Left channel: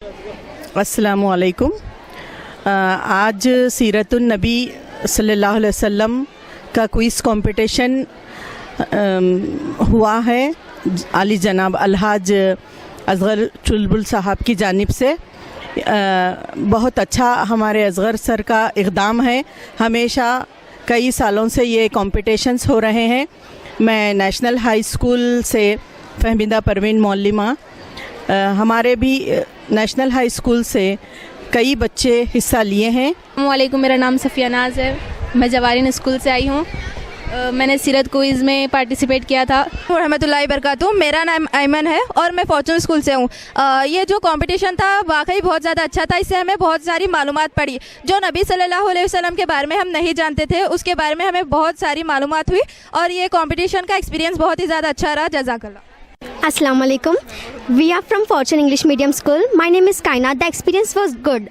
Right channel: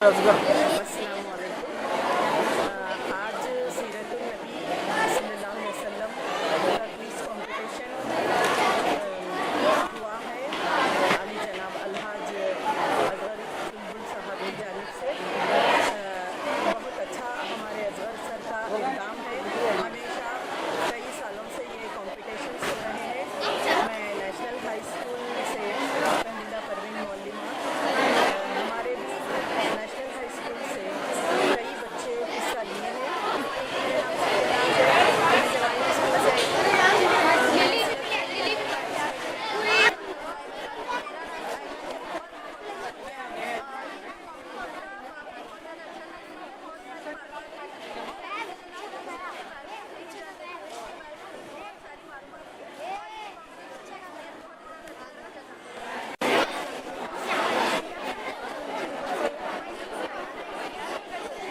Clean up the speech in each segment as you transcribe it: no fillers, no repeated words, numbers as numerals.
अस्सलामु अलैकुम। आज सीरतुन नबी सल्लल्लाहु अलैहि वसल्लम का क्विज़ कंपटीशन हुआ है आली जनाब अलहाज असगर चुलबुल साहब की जानिब से। बहुत अच्छा हमारे असगर सर का इक़दाम है। हमेशा कई सालों से ये कॉम्पिटिशन्स हो रहे हैं। मैं नेशनल हाई स्कूल से फहमीदा परवीन मौलिमा, हमारे भी नेशनल हाई स्कूल से कई बच्चे हिस्सा लिए हैं। वालेकुम, मेरा नाम सफ़िया नाज है। मैं जवारीन स्कूल से आई हूँ। मैंने सीरत क्विज़ में पार्टिसिपेट किया था। रहमतुल्लाहि बरकातहू। मेरा नाम ऐमन है और मैं फॉर्चून स्कूल से हूँ। ये जो कंपटीशन था वाकई बहुत ज़्यादा अच्छा था। इससे हमें बहुत सारी मालूमात पड़ी। जो नबी सल्लल्लाहु अलैहि वसल्लम के बारे में हम नहीं जानते थे, उसके बारे में हमें बहुत सारी मालूमात हुई और ये कंपटीशन का एक्सपीरियंस बहुत ही ज़्यादा अच्छा रहा। जज़ाकल्लाह। Assalamu alaikum. We are from Fortune English Medium School. My name is Kaina. The experience was good.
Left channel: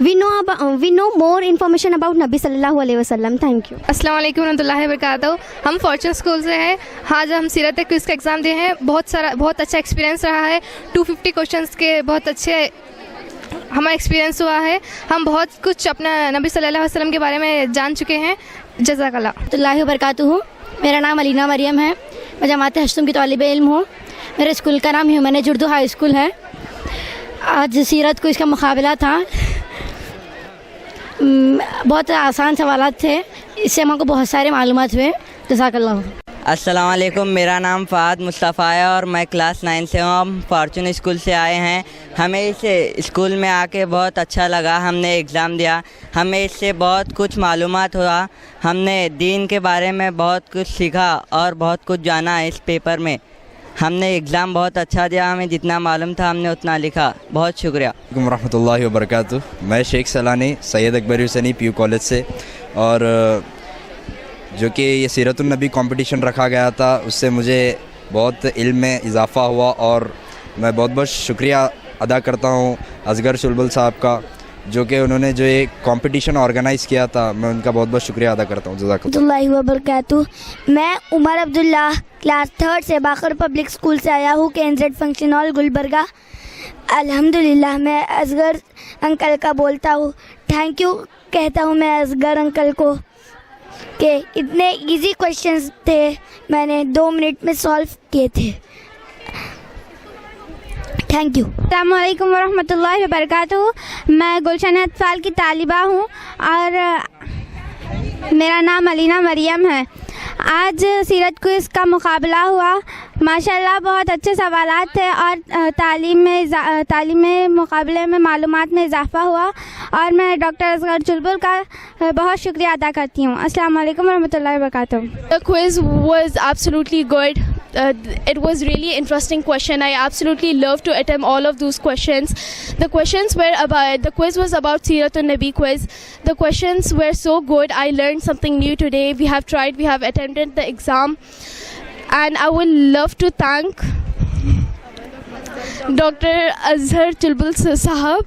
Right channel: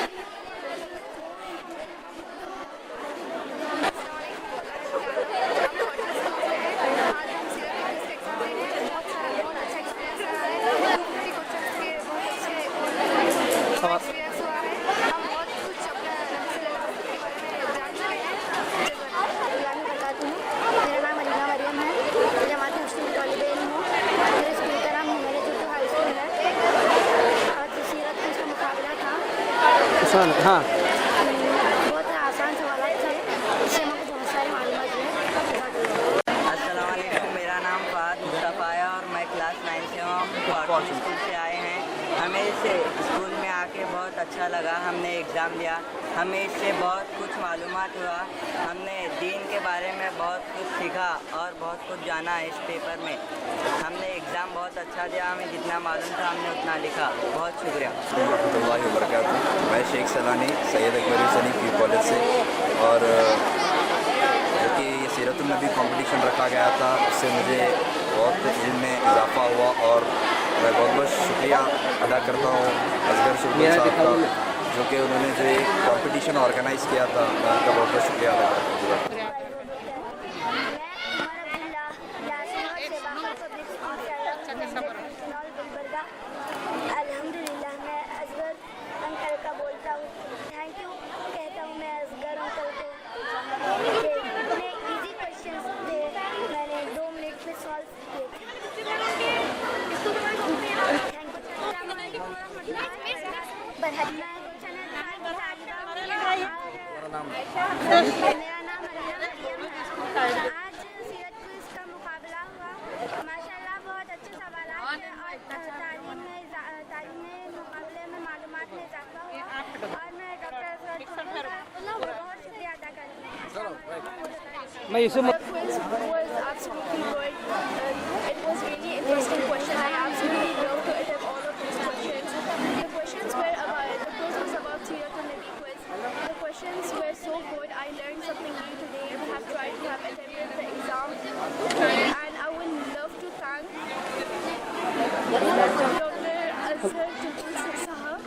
We know more information about Nabi Sallallahu Alaihi Wasallam. Thank you. अस्सलाम वालेकुम रहमतुल्लाहि वबरकातुहू। हम फॉर्चून स्कूल से हैं। आज हम सीरत क्विज़ का एग्ज़ाम दिए हैं। बहुत अच्छा एक्सपीरियंस रहा है। 250 क्वेश्चंस के बहुत अच्छे हमारा एक्सपीरियंस हुआ है। हम बहुत कुछ अपना नबी सल्लल्लाहु अलैहि वसल्लम के बारे में जान चुके हैं। जज़ाकल्लाह। रहमतुल्लाहि वबरकातुहू। मेरा नाम अलीना मरियम है। मैं जमात हश्तुम की तालिबे इल्म हूँ। मेरे स्कूल का नाम ह्यूमैनिटीज़ उर्दू हाई स्कूल है। आज सीरत को इसका मुकाबला था। बहुत आसान सवालात थे। इससे हमको बहुत सारे मालूमात हुए। जज़ाकल्लाह। अस्सलाम वालेकुम। मेरा नाम फ़ाद मुस्तफ़ा है और मैं क्लास 9 से हूँ। हम फॉर्चून स्कूल से आए हैं। हमें इस स्कूल में आके बहुत अच्छा लगा। हमने एग्ज़ाम दिया, हमें इससे बहुत कुछ मालूमात हुआ। हमने दीन के बारे में बहुत कुछ सीखा और बहुत कुछ जाना इस पेपर में। हमने एग्ज़ाम बहुत अच्छा दिया। हमें जितना मालूम था हमने उतना लिखा। बहुत शुक्रिया। रहमतुल्लाहि वबरकातुहू। मैं शेख सलानी सैयद अकबर हुसैनी पीयू कॉलेज से, और जो कि ये सीरतुन नबी कंपटीशन रखा गया था उससे मुझे बहुत इल्म में इजाफ़ा हुआ और मैं बहुत बहुत शुक्रिया अदा करता हूँ असगर चुलबुल साहब का, जो कि उन्होंने जो ये कंपटीशन ऑर्गेनाइज़ किया था। मैं उनका बहुत बहुत शुक्रिया अदा करता हूँ। रहमतुल्लाहि वबरकातुहू। मैं उमर अब्दुल्ला क्लास 3 से बाकर पब्लिक स्कूल से आया हूँ, KNZ फंक्शन हॉल गुलबर्गा। अल्हम्दुलिल्लाह मैं असगर अंकल का बोलता हूँ। थैंक यू कहता हूँ मैं असगर अंकल को कि इतने इजी क्वेश्चंस थे, मैंने 2 मिनट में सॉल्व किए थे। Thank you. अस्सलामु अलैकुम वरहमतुल्लाहि वबरकातुहू। मैं गुलशन अतफाल की तालिबा हूँ और मेरा नाम अलीना मरियम है। आज सीरत क्विज़ का मुकाबला हुआ। माशाल्लाह बहुत अच्छे सवालात थे और तालीम में मुकाबले में मालूमात में इजाफ़ा हुआ और मैं डॉक्टर असगर चुलबुल का बहुत शुक्रिया अदा करती हूँ। अस्सलामु अलैकुम वरहमतुल्लाहि वबरकातुहू। The quiz was absolutely good. It was really interesting question. I absolutely loved to attempt all of those questions. The quiz was about Siratun Nabi quiz. The questions were so good. I learned something new today. We have attempted the exam, and I would love to thank Dr. Azhar Chulbul Sahab